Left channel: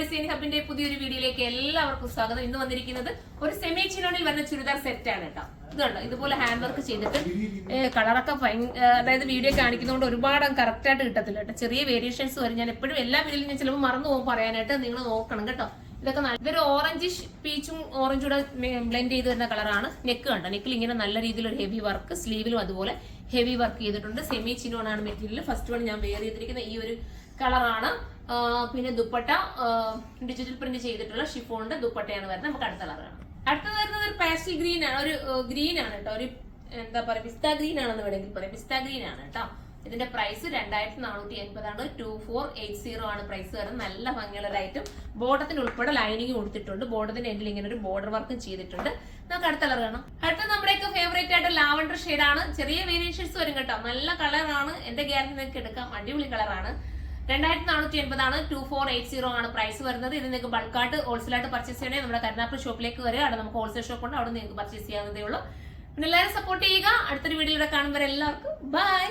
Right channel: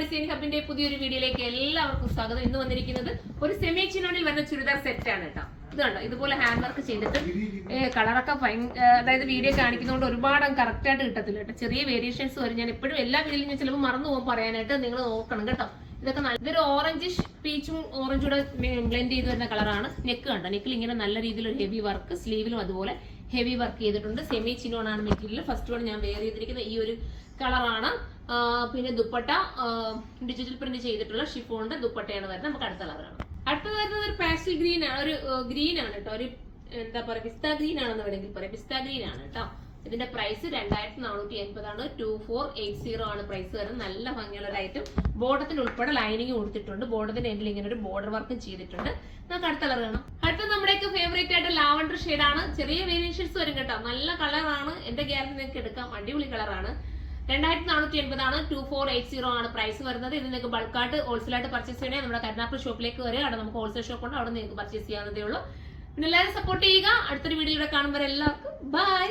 Design ഹബിന്റെ പുതിയൊരു വീഡിയോയിലേക്ക് എല്ലാവർക്കും സ്വാഗതം. ഇന്ന് വന്നിരിക്കുന്നത് ഒരു സെമി ചിനോണിൽ വരുന്ന ചുരിദാർ സെറ്റ് ആണ് കേട്ടോ. ഇതുണ്ട്, ഇതുപോലെ ഹാൻഡ് വർക്ക് ചെയ്തിട്ട് കളറൊക്കെ അതായത് വീഡിയോ കാണിക്കുന്നതുകൊണ്ട് ഒരുപാട് കറക്റ്റ് ആയിട്ട് കിട്ടത്തില്ല കേട്ടോ. ചെറിയ വേരിയേഷൻസ് വരും. ഞാൻ എപ്പോഴും എല്ലാ വീഡിയോയിലും ഞാൻ ചിലപ്പോൾ മറന്നു പോകും പറയാനായിട്ട്. നിങ്ങൾ നോക്കണം കേട്ടോ. ഇതൊക്കെ ഇതൊരു ഓറഞ്ചിഷ് പീച്ചും ഓറഞ്ചും കൂടെ ബ്ലെൻഡ് ചെയ്ത് വരുന്ന കളറാണ്. നെക്ക് കണ്ടോ, നെക്കിൽ ഇങ്ങനെ നല്ല രീതിയിൽ ഒരു ഹെവി വർക്ക്, സ്ലീവിലും അതുപോലെ ഹെവി വർക്ക് ചെയ്തിട്ടുണ്ട്. സെമി ചിനോൺ ആണ് മെറ്റീരിയൽ. ഫസ്റ്റ് വൺ ഞാൻ വെയർ ചെയ്തിരിക്കുന്ന ഈ ഒരു കളറാണ്. പിന്നെ ദുപ്പട്ട ഡിജിറ്റൽ പ്രിന്റ് ചെയ്തിട്ടുള്ള ഷിഫോണിന്റെ ദുപ്പട്ടയാണ് വരുന്നത്. നമുക്ക് അടുത്ത കളറാണ്. അടുത്തത് വരുന്നത് ഒരു പാസ്റ്റൽ ഗ്രീൻ ആണ്, ഒരു ഗ്രീൻ ആണ് കേട്ടോ. ഒരു എന്താ പറയാ, പിസ്ത ഗ്രീൻ ആണെന്ന് വേണമെങ്കിൽ പറയാം. പിസ്ത ഗ്രീൻ ആണ് കേട്ടോ. ഇതിന്റെ പ്രൈസ് 2480 ആണ്. 2480 ആണ് പ്രൈസ് വരുന്നത്. നല്ല ഭംഗിയുള്ള ഒരു ഐറ്റം. ബോർഡത്തിന് ഉൾപ്പെടെ ലൈനിങ് കൊടുത്തിട്ടുണ്ട്. ബോർഡത്തിന്റെ എൻഡിൽ ഇങ്ങനെ ഒരു ബോർഡർ വർക്കും ചെയ്തിട്ടുണ്ട്. നമുക്ക് അടുത്ത കളർ കാണാം. അടുത്ത നമ്മുടെയൊക്കെ ഫേവറേറ്റ് ആയിട്ട് ലാവൻഡർ ഷെയ്ഡാണ്. ചെറിയ വേരിയേഷൻസ് വരും കേട്ടോ. നല്ല കളറാണ്. എന്റെ ഗ്യാരണ്ടി നിങ്ങൾക്ക് എടുക്കാം. അടിപൊളി കളറാണ്. 2480 ആണ്. 2480 ആണ് പ്രൈസ് വരുന്നത്. ഇത് നിങ്ങൾക്ക് ബൾക്കായിട്ട് ഹോൾസെയിലായിട്ട് പർച്ചേസ് ചെയ്യണേ നമ്മുടെ കരുനാഗപ്പള്ളി ഷോപ്പിലേക്ക് വരിക. അവിടെ നമുക്ക് ഹോൾസെയിൽ ഷോപ്പ് ഉണ്ട്. അവിടെ നിങ്ങൾക്ക് പർച്ചേസ് ചെയ്യാവുന്നതേ ഉള്ളൂ. പിന്നെ എല്ലാവരും സപ്പോർട്ട് ചെയ്യുക. അടുത്തൊരു വീഡിയോയിലൂടെ കാണുമ്പോൾ എല്ലാവർക്കും ബൈ.